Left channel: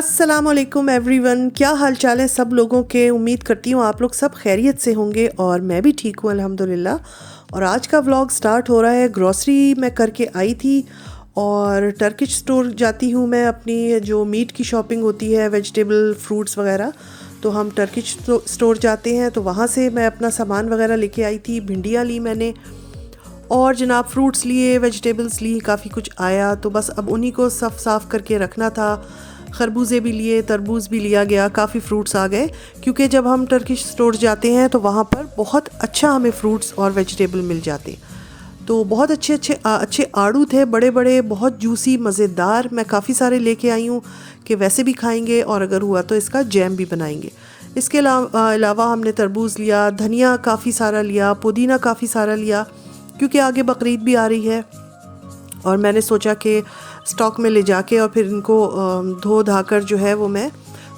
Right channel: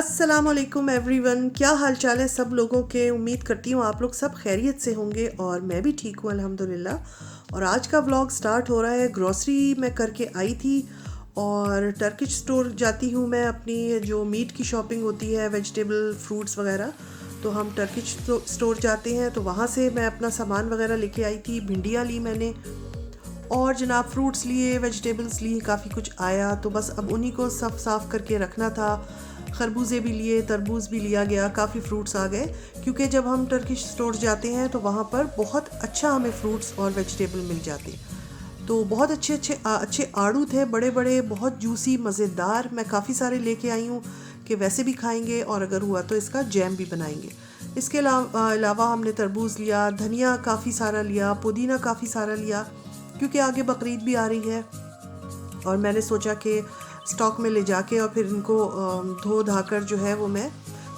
अस्सलामुअलैकुम एवरीवन, क्या हाल चाल है सब लोगों के। उम्मीद करती हूँ आप लोग सब खैरियत से होंगे और मैं भी ठीक हूँ अल्हम्दुलिल्लाह। और आज का व्लॉग स्टार्ट हो रहा है। ग्रॉसरी मैं करके आई थी और टर्किश स्टोर जाती हूँ मैं, अपनी जो मीट की शॉपिंग होती है, वेजिटेबल फ्रूट्स वगैरह, तो हम टर्किश स्टोर जाते हैं। तो वहाँ से मैं अपना सामान वगैरह लेके आई थी। भिंडियाँ ली मैंने और जनाब फ्रूट्स लिए, वेजिटेबल्स लिए, काफ़ी कुछ आया। तो बस अब उन्हीं को साफ़ करके रखना था। खरबूजे भी लिए, तरबूज भी लिया गया, काफ़ी फ्रूट्स आ गए। क्योंकि जब हम टर्किश स्टोर जाते हैं तो वहाँ पर बहुत अच्छा हमें फ्रूट्स और वेजिटेबल मिल जाते। तो बहुत अच्छे आड़ू थे, बड़े बड़े, बहुत जूसी, मज़ेदार। मैं काफ़ी सारे लेके आई हूँ कि वैसे भी खाएंगे और अगर हुआ तो इसका जैम भी बनाएंगे। इसके अलावा हमने तरबूज लिया, धनिया काफ़ी सारा लिया, पुदीना काफ़ी सारा लिया, क्योंकि आगे बकरीद भी आ रही है और मैंने सोचा कि स्टॉक में ले जाके और फिर इनको धो धाकर जो है वो मैं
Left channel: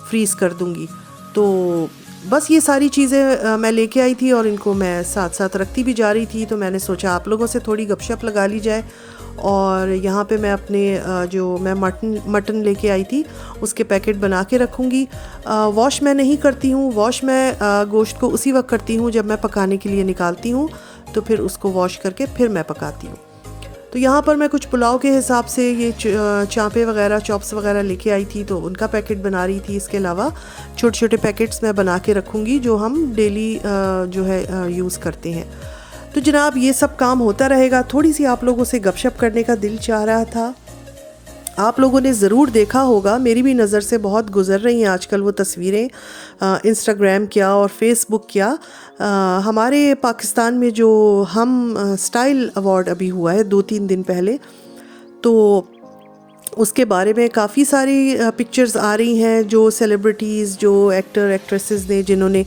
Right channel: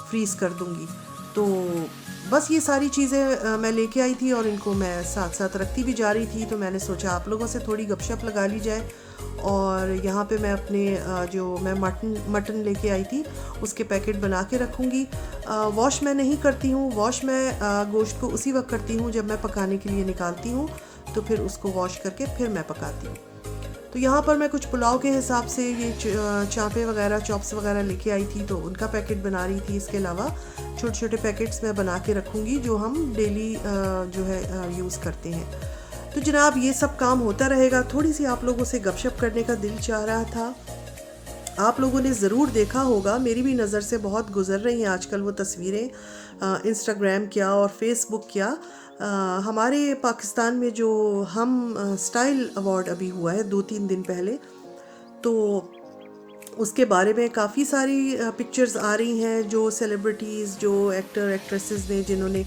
फ्रीज़ कर दूँगी। तो बस ये सारी चीज़ें मैं लेके आई थी और इनको मैं साथ साथ रखती भी जा रही थी। तो मैंने सोचा आप लोगों से थोड़ी गपशप लगा ली जाए। और यहाँ पे मैं अपने जो मैं मटन लेके आई थी उसके पैकेट बना के रखूँगी। वॉश मैं नहीं करती हूँ। वॉश मैं गोश्त को उसी वक्त करती हूँ जब मैं पकाने के लिए निकालती हूँ, तो फिर उसको वॉश करके फिर मैं पकाती हूँ। तो यहाँ पर मैं कुछ पुलाव के हिसाब से ये चाँपे वगैरह, चॉप्स वगैरह लेके आई थी, तो उनका पैकेट बना रही थी। इसके अलावा छोटे छोटे पैकेट्स मैं बना के रखूँगी जो हम डेली जो है यूज़ करते हैं। तो जनाब ये सब काम होता रहेगा। थोड़ी सी आप लोगों से गपशप करने का दिल चाह रहा था। आप लोगों ने ज़रूर देखा होगा, मेरी भी नज़र से बहुत गुज़र रही हैं आजकल वो तस्वीरें, इंस्टाग्राम क्या और फेसबुक क्या। हमारे पाकिस्तान में जो हम स्टाइल अवार्ड अभी हुआ है 2-3 दिन पहले, तो उसके बारे में काफ़ी सारी पिक्चर्स आ रही हैं। जो सेलिब्रिटीज़, जो एक्टर एक्ट्रेसेस ने जिन्होंने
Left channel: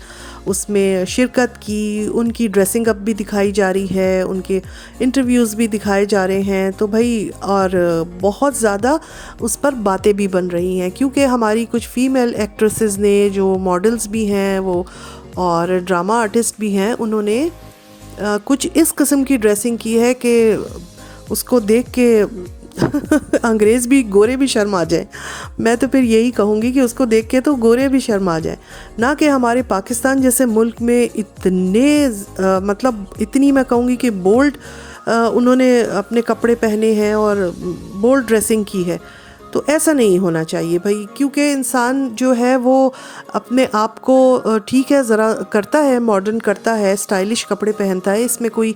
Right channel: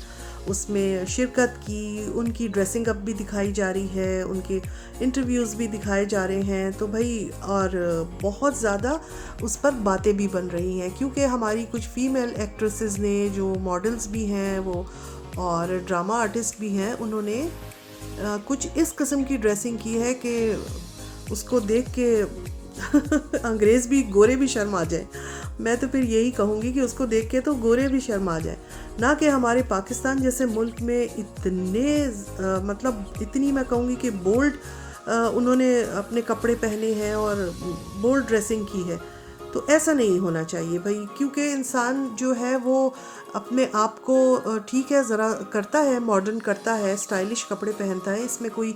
उसमें शिरकत की, उनकी ड्रेसिंग अप भी दिखाई जा रही है, उनके इंटरव्यूज़ भी दिखाए जा रहे हैं। तो भाई और बहुत ज़्यादा उस पर बातें भी बन रही हैं, क्योंकि हमारी कुछ फ़ीमेल एक्ट्रेसेस ने, जो मॉडल्स भी हैं वो और ड्रामा आर्टिस्ट भी हैं, उन्होंने कुछ इस किस्म की ड्रेसिंग की है कि उसको देख के अंग्रेज़ भी, गोरे भी शर्म आ जाए। मैं तो फिर यही कहूँगी कि उसको देख के तो गोरे भी शर्म आ जाए। ना कि हमारे पाकिस्तान जैसे मुल्क में इतने मतलब इतनी, मैं कहूँगी कि बोल्ड उन्होंने अपने कपड़े पहने हैं और बोल्ड ड्रेसिंग की है। तो ऐसा नहीं होना चाहिए भाई, क्योंकि इंसान जो है वो अपने आप को ठीक है ज़रा करता है, मॉडर्न करता है, स्टाइलिश कपड़े पहनता है, इसमें कोई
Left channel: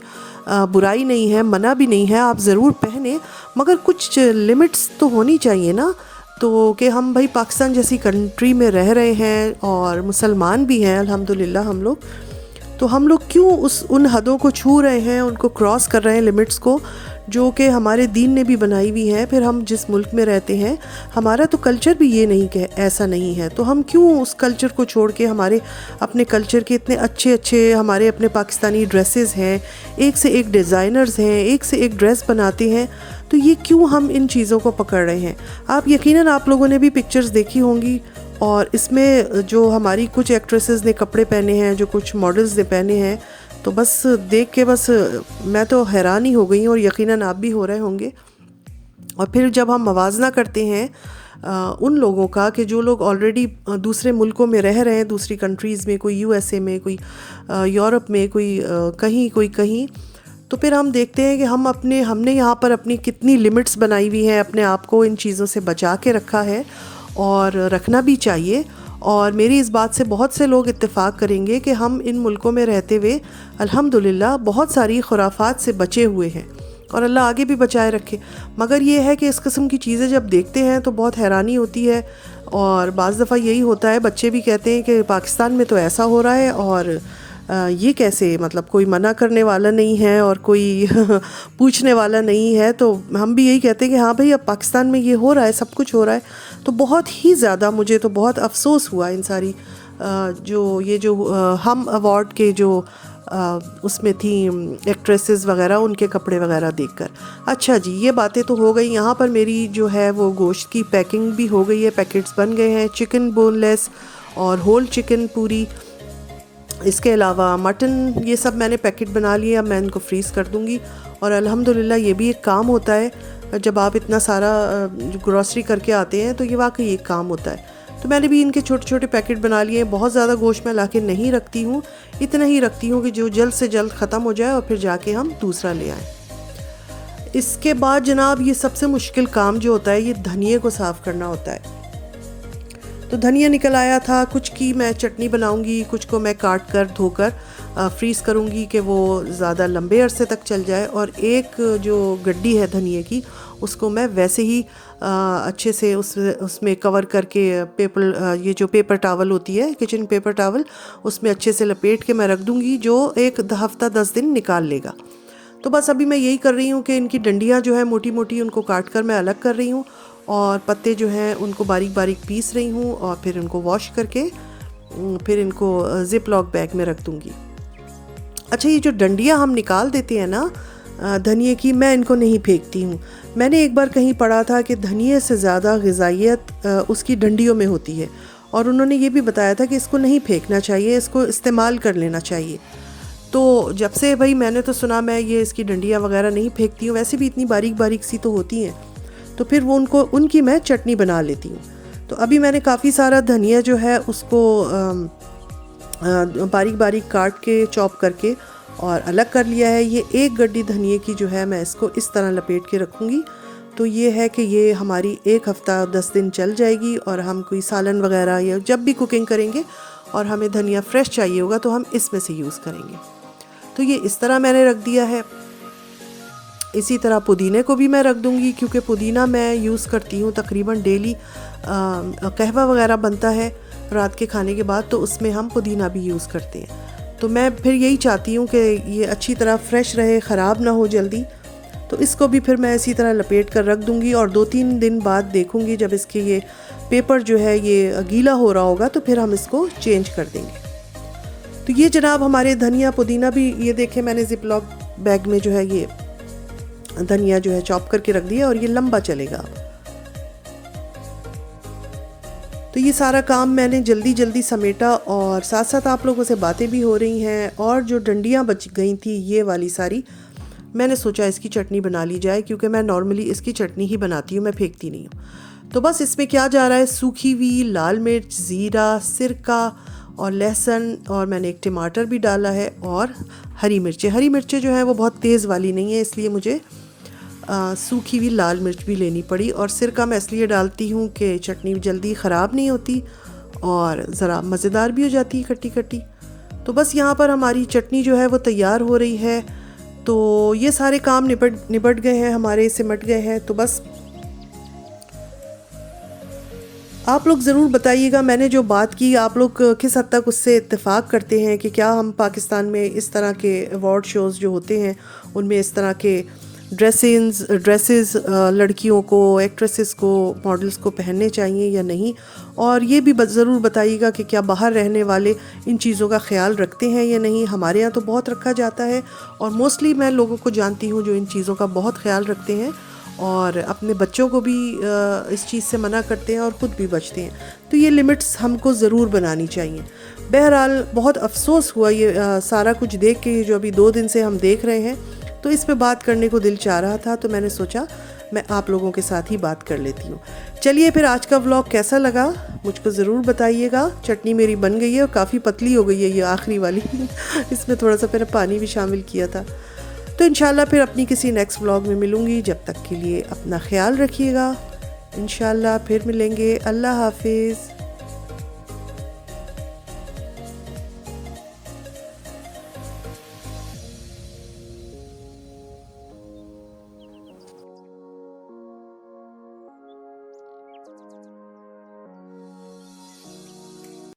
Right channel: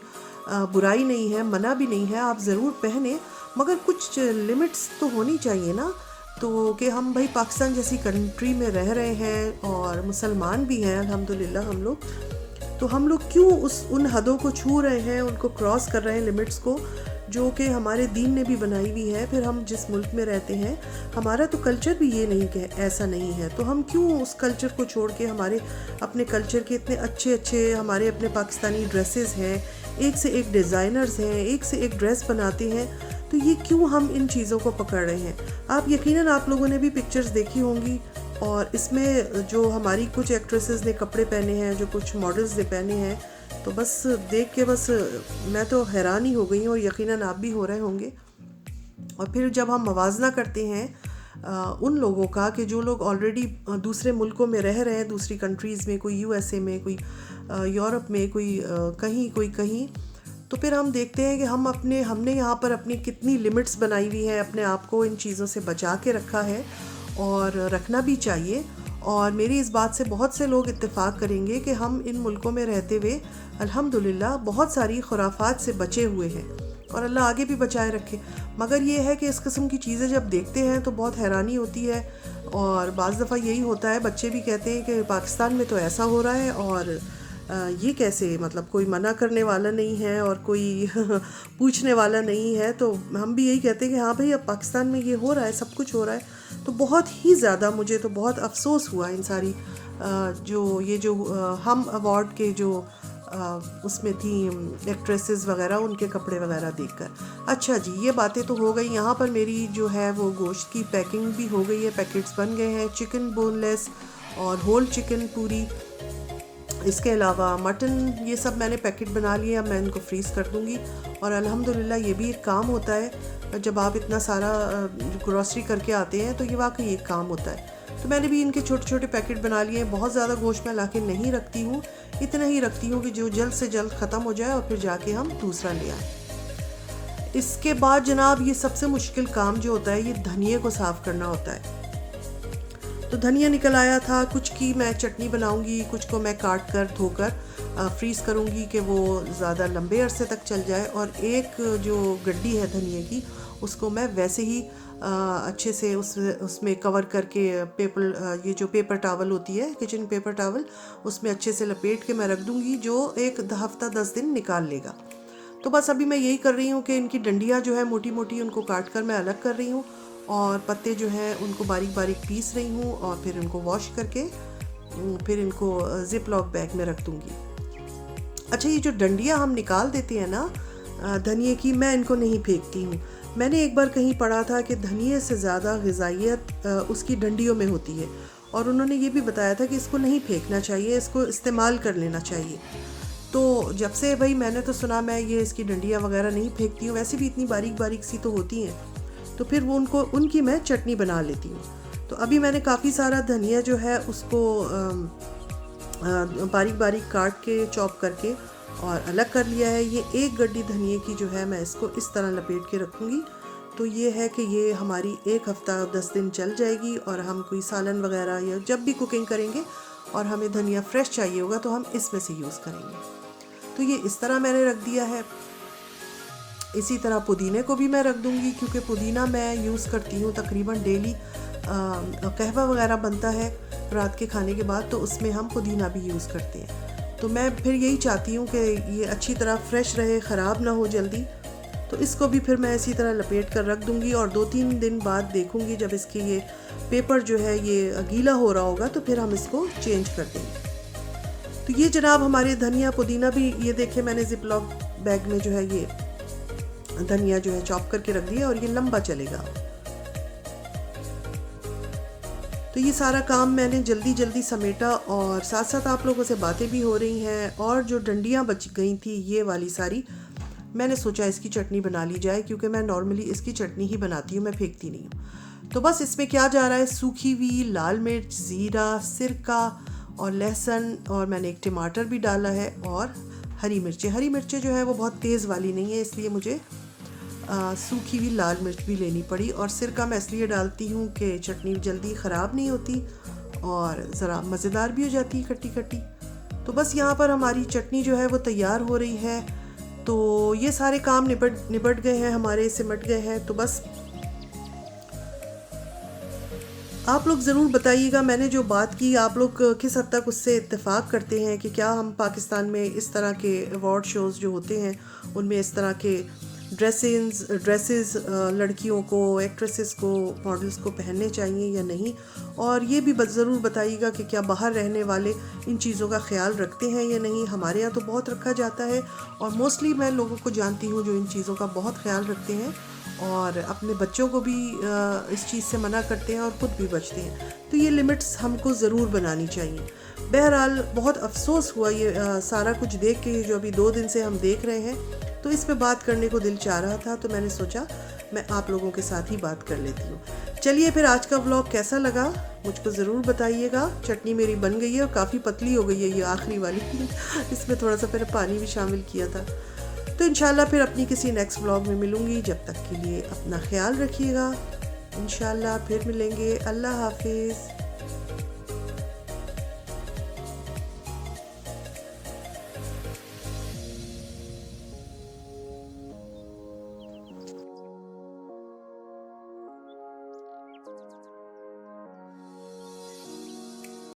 बुराई नहीं है, मना भी नहीं है, आप ज़रूर पहने, मगर कुछ लिमिट्स तो होनी चाहिए ना। तो कि हम भाई पाकिस्तान जैसी कंट्री में रह रहे हैं और मुसलमान भी हैं अल्हम्दुलिल्लाह हम लोग, तो हम लोग क्यों उन हदों को छू रहे हैं, उनको क्रॉस कर रहे हैं, लिमिट्स को, जो कि हमारे दीन ने भी बनाई हुई है। फिर हम जिस मुल्क में रहते हैं, हमारा तो कल्चर भी ये नहीं कि ऐसा नहीं है, तो हम क्यों उस कल्चर को छोड़ के हमारे अपने कल्चर के इतने अच्छे अच्छे हमारे अपने पाकिस्तानी ड्रेसेस हैं, एक से एक डिज़ाइनर्स हैं, एक से एक ड्रेस बनाते हैं, तो ये क्यों हम इन चीज़ों को पकड़ रहे हैं। आप यकीनन आप लोगों ने भी पिक्चर्स देखी होंगी और इसमें जो हमारी कुछ एक्ट्रेसेस ने कपड़े पहने हैं, जो कुछ मॉडल्स ने पहने हैं, तो बस देख के बस मैं तो हैरान ही हो गई हूँ और यकीनन आप भी हो रहे होंगे। और फिर जब हम मवाजना करते हैं उन लोगों का कि जो लोग ऑलरेडी दूसरे मुल्कों में रह रहे हैं, दूसरी कंट्रीज़ में, कोई यूएसए में, कोई यूरोप में, कोई कहीं, तो फिर हम देखते हैं कि हमने यहाँ पर अपनी कितनी लिमिट्स बनाई हुई हैं, अपने आप को इन चीज़ों से बचा के रखा है और रखना भी चाहिए। और मेरी इस बात से बहुत से लोग इत्तेफाक करेंगे कि हम इन मुल्कों में रहते हुए अल्हम्दुलिल्लाह बहुत सारी खुराफात से बचे हुए हैं और अल्लाह आगे भी बचाए रखे। मगर ये है कि इस किस्म की चीज़ें जब देखते हैं तो बहुत हैरानी होती है। और बाज़ दफ़ा यही होता है, बच्चे भी कहते हैं कि पाकिस्तान में तो ऐसा हो रहा है और ये कैसे, मतलब कोई मना करने वाला नहीं है और कोई पूछने वाला नहीं है। तो हम भी यही कहते हैं कि हाँ भाई, अब पाकिस्तान में ये हो रहा है, सब कुछ हो रहा है। तो बहुत ही ज़्यादा मुझे तो बहुत अफसोस हुआ इन सारी जो हम अवार्ड के जो उसमें थी एक्ट्रेसेस वगैरह, उनके कपड़े वगैरह देखकर। अच्छा जी, ये बातें तो हो गई। यहाँ पर मेरी जो है वो गोश्त की पैकिंग भी हो गई है, पैकेट्स बन गए हैं, चिकन बोनलेस और होल चिकन पूरी, इसके अलावा मटन, ये सब मैंने पैकेट बना लिए। अब मैं इनको फ्रीज़ कर दूँगी और अल्हम्दुलिल्लाह ये भी एक काम होता है जब आप इतना सारा ग्रॉसरी करके आते हैं तो ये वाकई एक काम होता है। तो मैंने भी इनके छोटे छोटे पैकेट बना लिए। बहुत ज़्यादा गोश्त मैं लाके नहीं रखती हूँ, इतना ही रखती हूँ कि जो जल्द से जल्द ख़त्म हो जाए और फिर जाके हम दूसरा ले आएँ। इसके बाद जनाब ये सबसे मुश्किल काम जो होता है, ये धनिए को साफ़ करना होता है। तो धनिया निकल आया था। कुछ की मैं चटनी बनाऊंगी, कुछ को मैं काट कर धोकर फ्रीज़ करूंगी कि वो ज़्यादा लंबे अरसे तक चल जाए, और एक जो गड्डी है धनिए की उसको मैं वैसे ही अच्छे से उसमें कवर करके पेपर, ये जो पेपर टावल होती है किचन पेपर टावल, उसमें अच्छे से लपेट के मैं रख दूंगी, जो एक हफ्ता 10 दिन निकाल लेगा। तो बस अभी मैं यही कर रही हूँ कि इनकी डंडियाँ जो है मोटी मोटी उनको काट कर मैं अलग कर रही हूँ, और पत्ते जो हैं उनको बारीक बारीक पीस रही हूँ, और फिर इनको वॉश करके फिर इनको ज़िप लॉक बैग में रख दूँगी। अच्छा, ये जो डंडियाँ हम निकाल देते हैं ना धनिए की, मैं इनको नहीं फेंकती हूँ। मैंने एक बार कहीं पढ़ा था कि धनिए से ज़्यादा ग़िज़ाइयत उसकी डंडियों में होती है, और उन्होंने ये भी बताया था कि इसको नहीं फेंकना चाहिए, इसको इस्तेमाल कर लेना चाहिए। तो जब से भाई मैंने तो सुना, मैं ये इसकी डंडियाँ वगैरह नहीं फेंकती हूँ, वैसे भी इतनी बारीक बारीक सी तो होती हैं, तो फिर वो उनकी मैं चटनी बना लेती हूँ। तो अभी मैंने काफ़ी सारा धनिया जो है उसको बारीक बारीक काट के चॉप करके और अलग कर लिया है। ये एक गड्डी धनिए की जो है मैं इसको इस तरह लपेट के रखूँगी। तो ये है कि ये हमारी एक हफ़्ता 10 दिन चल जाएगी, और हम कोई सालन वगैरह या जब भी कुकिंग करेंगे और हमें धनिया फ्रेश चाहिए होगा तो हम इसमें से यूज़ करेंगे। तो ये इस तरह मैंने रख दिया है। इसी तरह पुदीने को भी मैं रख दूँगी, क्योंकि पुदीना मैं यूज़ करती हूँ तकरीबन डेली। कहवा वगैरह बनता है रात के खाने के बाद, तो उसमें हम पुदीना भी यूज़ करते हैं। तो मैं फिर यही चाहती हूँ कि ये अच्छी तरह फ्रेश रहे, ख़राब ना हो जल्दी। तो इसको भी फिर मैं इसी तरह लपेट कर रख दूँगी, और 2-3 दिन बाद देखूँगी जब इसके ये पेपर जो है ये गीला हो रहा होगा तो फिर हम इसको चेंज कर देंगे। तो ये जनाब हमारे धनिया पुदीना भी, ये देखें मैंने ज़िप लॉक बैग में जो है ये धनिया जो है चॉप करके रख दिया, और ये लंबा चलेगा। तो ये सारा काम मैंने जल्दी जल्दी समेटा, और साथ साथ आप लोगों से बातें भी हो रही हैं। और जो डंडियाँ बच गई थी ये वाली सारी, मैंने सोचा इसकी चटनी बना ली जाए, क्योंकि मैं नॉर्मली इसकी चटनी ही बनाती हूँ, मैं फेंकती नहीं हूँ। तो बस इसमें क्या जा रहा है, सूखी हुई लाल मिर्च, ज़ीरा, सिरका और लहसुन, और मैंने एक टमाटर भी डाला है, और हरी मिर्चें जो है वो बहुत तेज़ वाली नहीं है, इसलिए मुझे सूखी हुई लाल मिर्च भी लेनी पड़ी। और सिरका मैं इसलिए डालती हूँ कि चटनी जल्दी ख़राब नहीं होती और ज़रा मज़ेदार भी हो जाती है, खट्टी खट्टी। तो बस यहाँ पर हमारी चटनी जो है वो तैयार हो रही है। तो ये सारे काम निपट गए हैं हमारे, सिमट गए हैं। तो बस आप लोग ज़रूर बताइएगा मैंने जो बात की, आप लोग किस हद तक उससे इत्तेफाक करते हैं कि क्या हम पाकिस्तान में इस तरह के अवार्ड शोज़ जो होते हैं उनमें इस तरह के ड्रेसेस लड़कियों को, एक्ट्रेसेस को, मॉडल्स को पहनने चाहिए या नहीं। और ये भी ज़रूर बताइएगा कि क्या बाहर रहने वाले इन चीज़ों का ख्याल रखते हैं या नहीं। हमारे यहाँ तो बहुत रखा जाता है, और मोस्टली मैं लोगों को जानती हूँ जो इन चीज़ों का बहुत ख्याल रखते हैं, और अपने बच्चों को भी इस चीज़ से मना करते हैं और ख़ुद भी बचते हैं। तो ये लिमिट्स हमको ज़रूर बनानी चाहिए। बहरहाल बहुत अफसोस हुआ ये सारा कुछ देख के, जो अभी 2 दिन से हम देख रहे हैं, तो इस पे बात करने को दिल चाह रहा था, तो मैंने सोचा मैं आप लोगों के साथ ही बात कर लेती हूँ। चलिए फिर आज का व्लॉग कैसा लगा मुझको ज़रूर बताइएगा। चटनी मेरी बन गई है और काफ़ी पतली हो गई है ये आखिरी वाली इसमें थोड़ा सा फिर पानी भी शामिल किया था। तो इंशाल्लाह फिर अपनी किसी नेक्स्ट व्लॉग में मिलूँगी। जब तक के लिए अपना ख्याल रखिएगा। इंशाल्लाह फिर मिलेंगे। अल्लाह हाफिज़।